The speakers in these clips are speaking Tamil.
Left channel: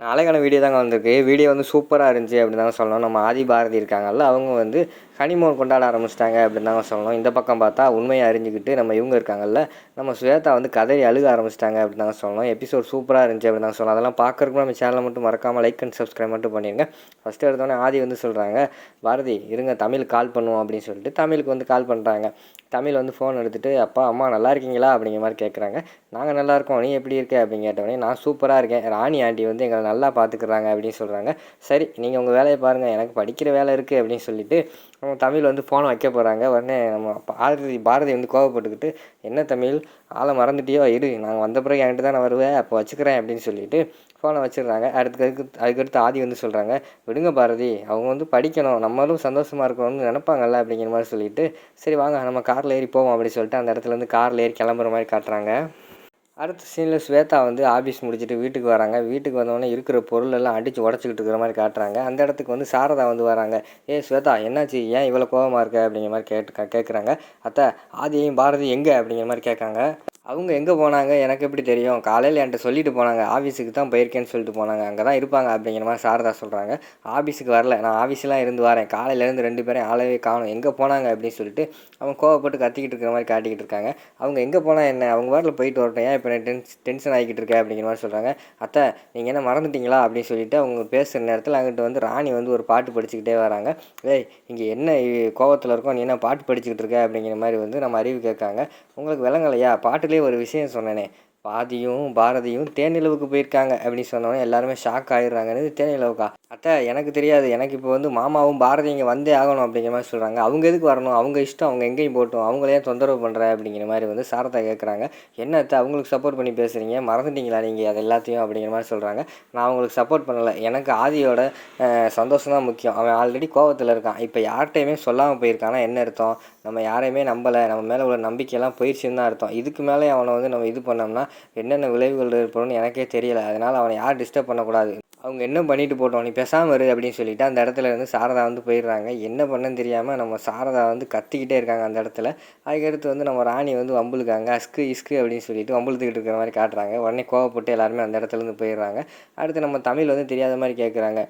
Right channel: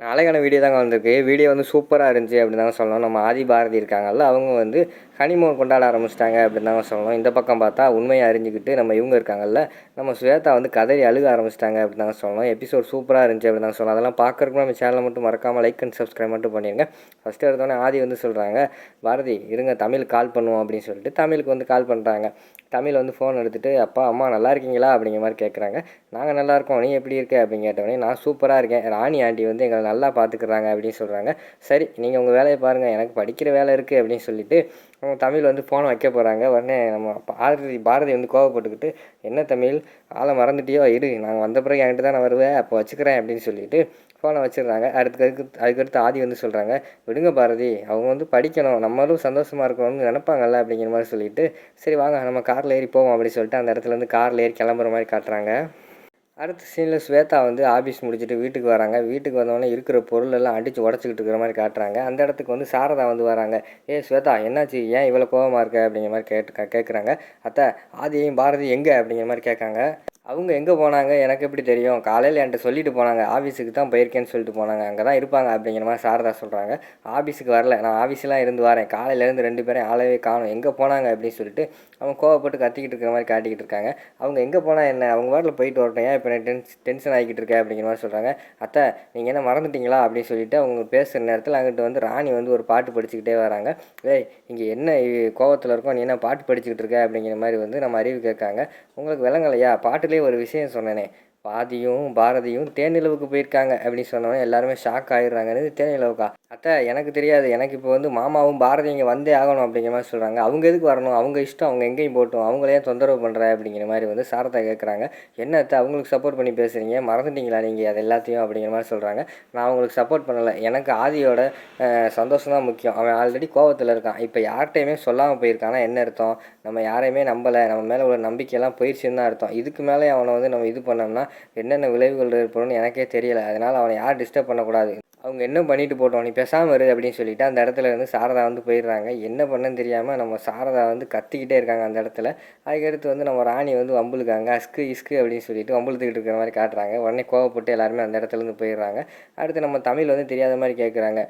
நாளைக்கான வீடியோ தாங்க வந்திருக்கு. வீடியோ வந்து சூப்பராக இருந்துச்சு அப்படின்னு தாங்க சொல்லணும். நம்ம ஆதி பாரதி இருக்காங்கல்ல அவங்க வந்து கனிமூன் கொண்டாட ஆரம்பிச்சிட்டாங்க அப்படின்னு தாங்க சொல்லணும். இந்த பக்கம் பார்த்தா உண்மையை அறிஞ்சிக்கிட்டு நம்ம இவங்க இருக்காங்கல்ல நம்ம சுவேதா வந்து கதையை அழுக ஆரம்பிச்சிட்டாங்க அப்படின்னு தாங்க சொல்லணும். எபிசோட் சூப்பராக இருந்துச்சு அப்படின்னு தாங்க சொல்லணும். அதெல்லாம் பார்க்குறதுக்கு நம்ம சேனலை மட்டும் மறக்காமல் லைக் அண்ட் சப்ஸ்கிரைப் மட்டும் பண்ணிடுங்க ஃபஸ்ட்டு எடுத்தோடனே ஆதி வந்து சொல்கிறாங்க பாரதி இருங்க தமிழ் கால் பண்ணுவோம் அப்படின்னு சொல்லிட்டு தமிழுக்கு வந்து கால் பண்ணுறாங்க தமிழ் வந்து ஃபோன் எடுத்துகிட்டு அப்பா அம்மா நல்லா இருக்கீங்களா? அப்படிங்கிற மாதிரி கேட்குறாங்க நாங்கள் நல்லா இருக்கோம் நீ எப்படி இருக்க? அப்படின்னு கேட்டவொடனே நான் சூப்பராக இருக்கேன். ராணி ஆண்டி வந்து எங்களை நல்லா பார்த்துக்குறாங்க அப்படின்னு சொல்கிறாங்க சரி நீங்கள் உங்கள் வேலையை பாருங்கள் எனக்கு படிக்கிற வேலை இருக்குது அப்படின்னு சொல்லிட்டு நம்ம தமிழ் வந்து ஃபோனை வைக்க போகிறாங்க உடனே நம்ம பாரதி பாரதி வந்து கோவப்பட்டுக்கிட்டு என்ன தமிழ்? ஆளை மறந்துட்டியோ? இரு நாங்கள் வந்த பிறகு என்கிட்ட தான் நான் வருவேன் அப்போ வச்சுக்கிறேன் அப்படின்னு சொல்லிட்டு ஃபோனை வச்சிடுறாங்க. அடுத்து அதுக்கு அதுக்கடுத்து ஆதி வந்து சொல்கிறாங்க விடுங்க பாரதி அவங்க வந்து படிக்கணும். நம்மளும் சந்தோஷமாக இருக்கணும்னு நினப்பாங்கல்ல? அப்படிங்கிற மாதிரி சொல்லிட்டு சரி வாங்க நம்ம காரில் ஏறி போவோம் அப்படின்னு சொல்லிட்டு அந்த இடத்துல இருந்து காரில் ஏறி கிளம்புற மாதிரி காட்டுறாங்க. அடுத்த சீனில் ஸ்வேதா வந்து ஆஃபீஸ் முடிச்சுட்டு வீட்டுக்கு வராங்க. வீட்டுக்கு வந்தோடனே இருக்கிற பொருள் எல்லாம் அடித்து உடச்சிக்கிட்டு இருக்கிற மாதிரி காட்டுறாங்க. அந்த இடத்துக்கு வந்து சாரதா வந்து வராங்க. ஏ ஸ்வேதா என்னாச்சு? ஏன் இவ்வளோ கோபமாக இருக்க? அப்படிங்கிற மாதிரி கேட்டு கேட்குறாங்க அத்தை ஆதியையும் பாரதி எங்கே? அப்படிங்கிற மாதிரி கேட்காங்க அவங்க எங்கே போனாங்க? எனக்கு எப்படி தெரியும்? காலையில் என்கிட்ட சொல்லிட்டு போனாங்க. ஆஃபீஸுக்கு தான் போயிருக்கேன்னு சொல்லிட்டு போனாங்க. அங்கே தான் இருப்பாங்க அப்படிங்கிற மாதிரி சாரதா சொல்கிறாங்க ஆஃபீஸுக்கு வரல. நான் ஆஃபீஸ்லாம் இருந்து வரேன். காலையிலேருந்து ரெண்டு பேரும் ஆளவே காணும். எங்கே போனாங்க அப்படின்னு சொல்லிட்டு அவங்க கோவப்பட்டு கத்திக்கிட்டு இருக்கிற மாதிரி காட்டிக்கிட்டு இருக்காங்க. அவங்க எங்கே போனால் என்ன? அவங்க வாட்டில் போயிட்டு வரட்டும். ஏன் இப்போ நான் டென்ஸ் டென்ஷன் ஆகிக்கிட்டு இருக்கேன் அப்படிங்கிற மாதிரி சொல்கிறாங்க அத்தை நீங்கள் என்ன மறந்துட்டீங்களா? அப்படின்னு சொல்லிட்டு அவங்க பேசுகிற நேரத்தில் அங்கிட்ட வந்து ராணி வந்து ஒரு பாட்டு படிச்சுக்கிட்டே வராங்க. ஏய் இங்கே என்ன கோவத்தில் இருக்கோம்? நீ என்ன பாட்டு படிச்சுக்கிட்டு இருக்க? அப்படிங்கிற மாதிரி வந்து நம்ம அறிவு கேட்காங்க. உங்களுக்கு விளங்கலையா? பாட்டுலேயே ஒரு விஷயம் சொன்னேனே. பாதியும் பாரதியும் தேனிலவுக்கு போயிருக்காங்க அப்படின்னு சொன்னோன்னே எல்லாருமே ஷாக் ஆகிடுறாங்க தேனிலவுக்கா. அத்தை எனக்கு தெரியாது. எனக்கு இப்போ வந்து மாமாவும் பாரதி இங்கே வந்தே ஆகணும் அப்படிங்கிற மாதிரி சொல்கிறாங்க அவங்க எதுக்கு வரணும்? அவங்க இஷ்டம். அவங்க எங்கேயும் போட்டோம் அவங்களே தொந்தரவு பண்ணுற அப்படிங்கிற மாதிரி வந்து சாரதா கேட்குறாங்க என்ன அத்தை அவங்களுக்கு சப்போர்ட் பண்ணி பேசுகிறீங்க மறந்துட்டீங்களா நீங்கள் அது எல்லாத்தையும்? அப்படிங்கிற மாதிரி சொல்கிறாங்க நான் அவங்களுக்கு சப்போர்ட் பண்ணலை. எனக்கு ஆதியோட சந்தோஷம் தான் முக்கியம். அவன் ஆல்ரெடி கோவத்தில் இருக்கான். இப்போ யார்கிட்டையுமே சொல்லாமல் போயிருக்கானா என்ன அர்த்தம்? நம்ம யாரையுமே நம்பலை. நம்ம மேலே உள்ள நம்பிக்கையெல்லாம் போயிடுச்சுன்னு தான் அர்த்தம். இதுக்கு மேலே அவனை வந்து நம்ம இது பண்ணோம்னா என்னென்ன விளைவுகள் ஏற்படும்னு எனக்கே தெரியலை. அதனால் அவனை யார் டிஸ்டர்ப் பண்ணக்கூடாது. அவங்க என்ன பண்ணிட்டு போட்டோம் நீ பேசாமல் இரு அப்படின்னு சொல்லிட்டு அந்த இடத்துல வந்து சாரதா வந்து போயிடுறாங்க. என்ன பண்ணன்னு தெரியாமல் நம்ம சாரதா வந்து கத்திக்கிட்டே இருக்காங்க அந்த இடத்துல. அதுக்கடுத்து வந்து நம்ம ராணி வந்து வம்புழுக்காங்க அஸ்கு இஸ்கு அப்படின்னு சொல்லிட்டு வம்புழுத்துக்கிட்டு இருக்கிற மாதிரி காட்டுறாங்க. உடனே கோவப்பட்டு எல்லாருமே அந்த இடத்துலேருந்து போயிடுறாங்க. அடுத்து நம்ம தமிழ் வந்து தெரியாத மாதிரி கேட்குறாங்க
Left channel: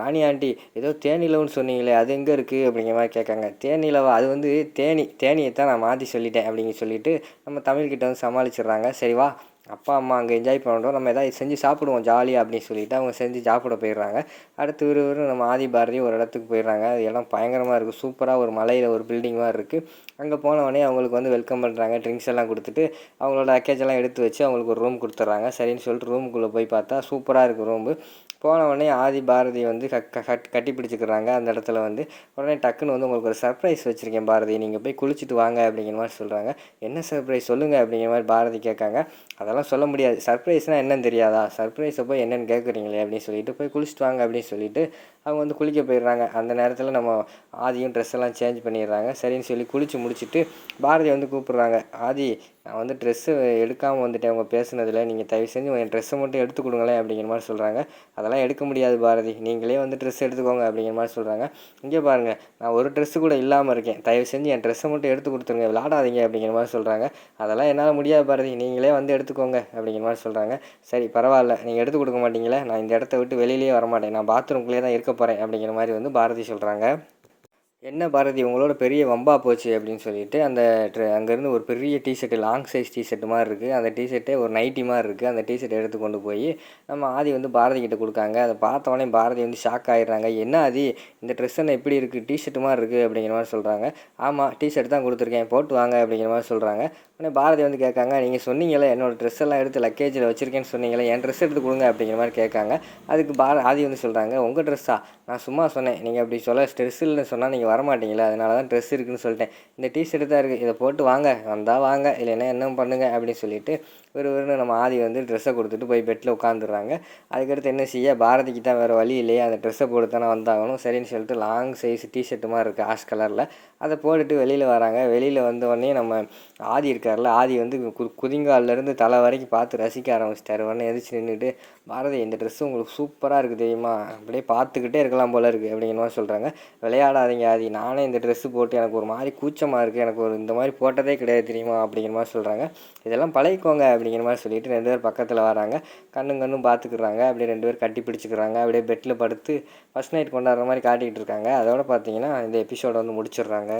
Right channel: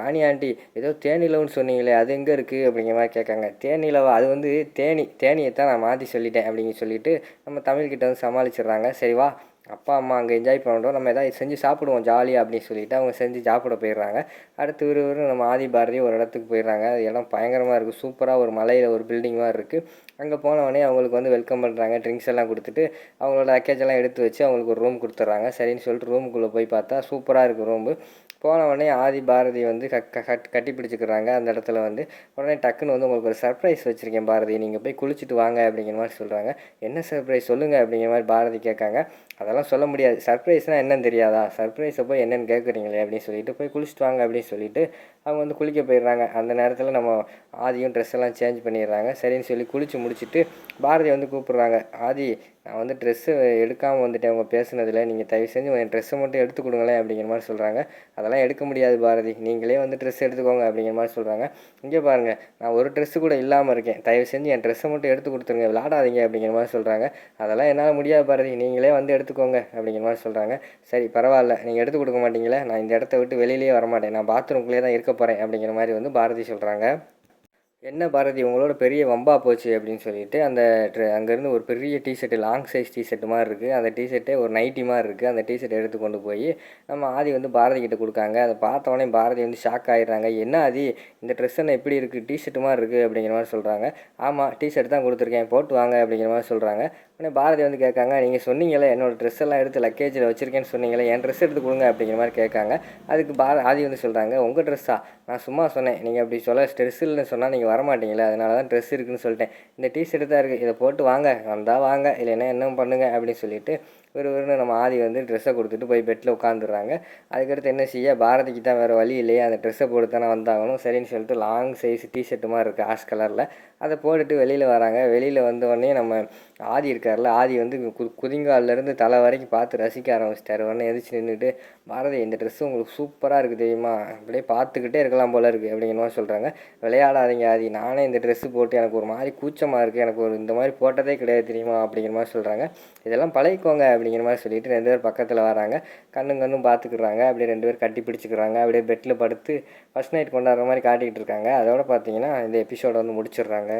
ராணி ஆண்டி ஏதோ தேனிலவுன்னு சொன்னீங்களே அது எங்கே இருக்குது அப்படிங்கிற மாதிரி கேட்காங்க தேனிலவா? அது வந்து தேனி தேனியை தான் நான் மாற்றி சொல்லிட்டேன் அப்படிங்க சொல்லிட்டு நம்ம தமிழ்கிட்ட வந்து சமாளிச்சிடுறாங்க. சரி வா அப்பா அம்மா அங்கே என்ஜாய் பண்ணுறோம் நம்ம எதாவது செஞ்சு சாப்பிடுவோம் ஜாலியாக அப்படின்னு சொல்லிட்டு அவங்க செஞ்சு சாப்பிட போயிடுறாங்க. அடுத்து ஒரு நம்ம ஆதி பாரதி ஒரு இடத்துக்கு போயிடுறாங்க. அது எல்லாம் பயங்கரமாக இருக்குது சூப்பராக ஒரு மலையில் ஒரு பில்டிங் மாதிரி இருக்குது அங்கே போனவொடனே அவங்களுக்கு வந்து வெல்கம் பண்ணுறாங்க ட்ரிங்க்ஸ் எல்லாம் கொடுத்துட்டு அவங்களோட லக்கேஜ் எல்லாம் எடுத்து வச்சு அவங்களுக்கு ஒரு ரூம் கொடுத்துட்றாங்க. சரின்னு சொல்லிட்டு ரூமுக்குள்ளே போய் பார்த்தா சூப்பராக இருக்குது ரூமு போன உடனே ஆதி பாரதி வந்து கட் கட்டி பிடிச்சிக்கிறாங்க அந்த இடத்துல வந்து உடனே டக்குன்னு வந்து உங்களுக்கு ஒரு சர்ப்ரைஸ் வச்சுருக்கேன் பாரதி. நீங்கள் போய் குளிச்சுட்டு வாங்க அப்படிங்கிற மாதிரி சொல்கிறாங்க என்ன சர்ப்ரைஸ் சொல்லுங்கள் அப்படிங்கிற மாதிரி பாரதி கேட்காங்க. அதெல்லாம் சொல்ல முடியாது. சர்ப்ரைஸ்னால் என்னன்னு தெரியாதா? சர்ப்ரைஸை போய் என்னென்னு கேட்குறீங்களே அப்படின்னு சொல்லிட்டு போய் குளிச்சுட்டு வாங்க அப்படின்னு சொல்லிட்டு அவங்க வந்து குளிக்க போயிடுறாங்க. அந்த நேரத்தில் நம்ம ஆதியும் ட்ரெஸ் எல்லாம் சேஞ்ச் பண்ணிடுறாங்க. சரின்னு சொல்லி குளித்து முடிச்சுட்டு பாரதி வந்து கூப்பிட்றாங்க. ஆதி நான் வந்து ட்ரெஸ்ஸு எடுக்காமல் வந்துட்டேன். அவங்க பேசுனதில் நீங்கள் தயவு செஞ்சு என் ட்ரெஸ்ஸை மட்டும் எடுத்து கொடுங்களேன் அப்படிங்கிற மாதிரி சொல்கிறாங்க அதெல்லாம் எடுக்க முடியாது பாரதி. நீங்களே வந்து ட்ரெஸ் எடுத்துக்கோங்க அப்படிங்கிற மாதிரி சொல்கிறாங்க இங்கே பாருங்கள் நான் ஒரு ட்ரெஸ்ஸு கூட இல்லாமல் இருக்கேன். தயவு செஞ்சு என் ட்ரெஸ்ஸை மட்டும் எடுத்து கொடுத்துருங்க. விளாடாதீங்க அப்படிங்கிற மாதிரி சொல்கிறாங்க அதெல்லாம் என்னால் முடியாது பாரதி. நீங்களே வந்து எடுத்துக்கோங்க அப்படிங்கிற மாதிரி சொல்கிறாங்க சரி பரவாயில்ல. நீங்கள் எடுத்து கொடுக்க மாட்டீங்களே. நான் இந்த இடத்த விட்டு வெளியிலேயே வரமாட்டேன். நான் பாத்ரூம்குள்ளே தான் இருக்க போகிறேன் அப்படிங்கிற மாதிரி வந்து பாரதி சொல்கிறாங்க என்ன பாரதி உங்களோட பெரிய வம்பா போச்சு அப்படின்னு சொல்லிட்டு அந்த அங்கேருந்து ஒரு பெரிய டிஷர்ட்டு லாங் சைஸ் டிஷர்ட் மாதிரி இருக்குது அந்த டிஷர்ட்டே ஒரு நைட்டி மாதிரி இருக்குது அந்த டிஷர்ட் எடுத்து கொண்டு போய் நம்ம ஆதி வந்து பாரதி கிட்ட கொடுக்காங்க. அதை பார்த்தவொடனே பாரதி வந்து ஷாக் ஆகிடுறாங்க என்ன ஆதி இந்த ட்ரெஸ் என்ன எப்படி இருக்குது டிஷர்ட் மாதிரி இருக்குது அப்படிங்கிற மாதிரி சொல்கிறாங்க ஆமாம் டிஷர்ட் தான் கொடுத்துருக்கேன். போட்டு வாங்க அப்படிங்கிற மாதிரி சொல்கிறாங்க உடனே பாரதி வந்து கேட்காங்க நீங்கள் சொன்னீங்களே என்னோடய ட்ரெஸ் எல்லாம் எடுத்து லக்கேஜில் வச்சுருக்கேன்னு சொன்னீங்களே என் ட்ரெஸ் எடுத்து கொடுங்க அப்படிங்கிற மாதிரி கேட்காங்க. அதுக்கு பார ஆதி வந்து சொல்கிறாங்க உங்கள் ட்ரெஸ்ஸா நான் சும்மா சொன்னேன். நீங்கள் அப்படி சொல்ல ட்ரெஸ் இல்லைன்னு சொன்னால் நீங்கள் வரமாட்டீங்களே அதனால தான் ட்ரெஸ் இருக்குதுன்னு சொல்லிட்டேன். இந்த டிஷர்ட் தான் இருக்குது இதை போட்டு வாங்க வந்தால் வாங்க இல்லைன்னா என்ன பண்ணுங்க அப்படின்னு சொல்லிட்டு ஒரு ஒரு நம்ம ஆதி வந்து ட்ரெஸ்ஸை கொடுத்துட்டு போய் பெட்டில் உட்காந்துடுறாங்க அதுக்கடுத்து என்ன செய்ய பாரதிக்கு தான் வேறு வழி இல்லையே அந்த ட்ரெஸ்ஸை போட்டு தானே வந்தாகணும் சரின்னு சொல்லிட்டு லாங் சைஸ் டிஷர்ட்டு மாதிரி இருக்குது ஆஷ் கலரில் அதை போட்டுட்டு வெளியில் வராங்க. வெளியில் வந்த உடனே நம்ம ஆதி இருக்கார்ல ஆதி வந்து கு குதிங்கால்லேருந்து தலை வரைக்கும் பார்த்து ரசிக்க ஆரம்பிச்சிட்டாரு. உடனே எதிர்த்து நின்றுட்டு பாரதி இந்த ட்ரெஸ்ஸு உங்களுக்கு சூப்பராக இருக்குது தெரியுமா? அப்படியே பார்த்துக்கிட்டே இருக்கலாம் போல இருக்குது அப்படிங்கிற மாதிரி சொல்கிறாங்க விளையாடாதீங்க ஆதி நானே இந்த ட்ரெஸ்ஸு போட்டு எனக்கு ஒரு மாதிரி கூச்சமாக இருக்குது எனக்கு ஒரு இந்த மாதிரி போட்டதே கிடையாது தெரியுமா? அப்படிங்கிற மாதிரி சொல்கிறாங்க இதெல்லாம் பழகிக்கோங்க அப்படிங்கிற மாதிரி சொல்லிட்டு ரெண்டு பேர் பக்கத்தில் வராங்க. கண்ணும் கண்ணும் பார்த்துக்கிறாங்க அப்படியே ரெண்டு பேர் கட்டி பிடிச்சிக்கிறாங்க. அப்படியே பெட்டில் படுத்து ஃபஸ்ட் நைட் கொண்டாடுற மாதிரி காட்டிக்கிட்டு இருக்காங்க. அதோட பார்த்தீங்கன்னா இந்த எபிசோடை வந்து முடிச்சிடுறாங்க.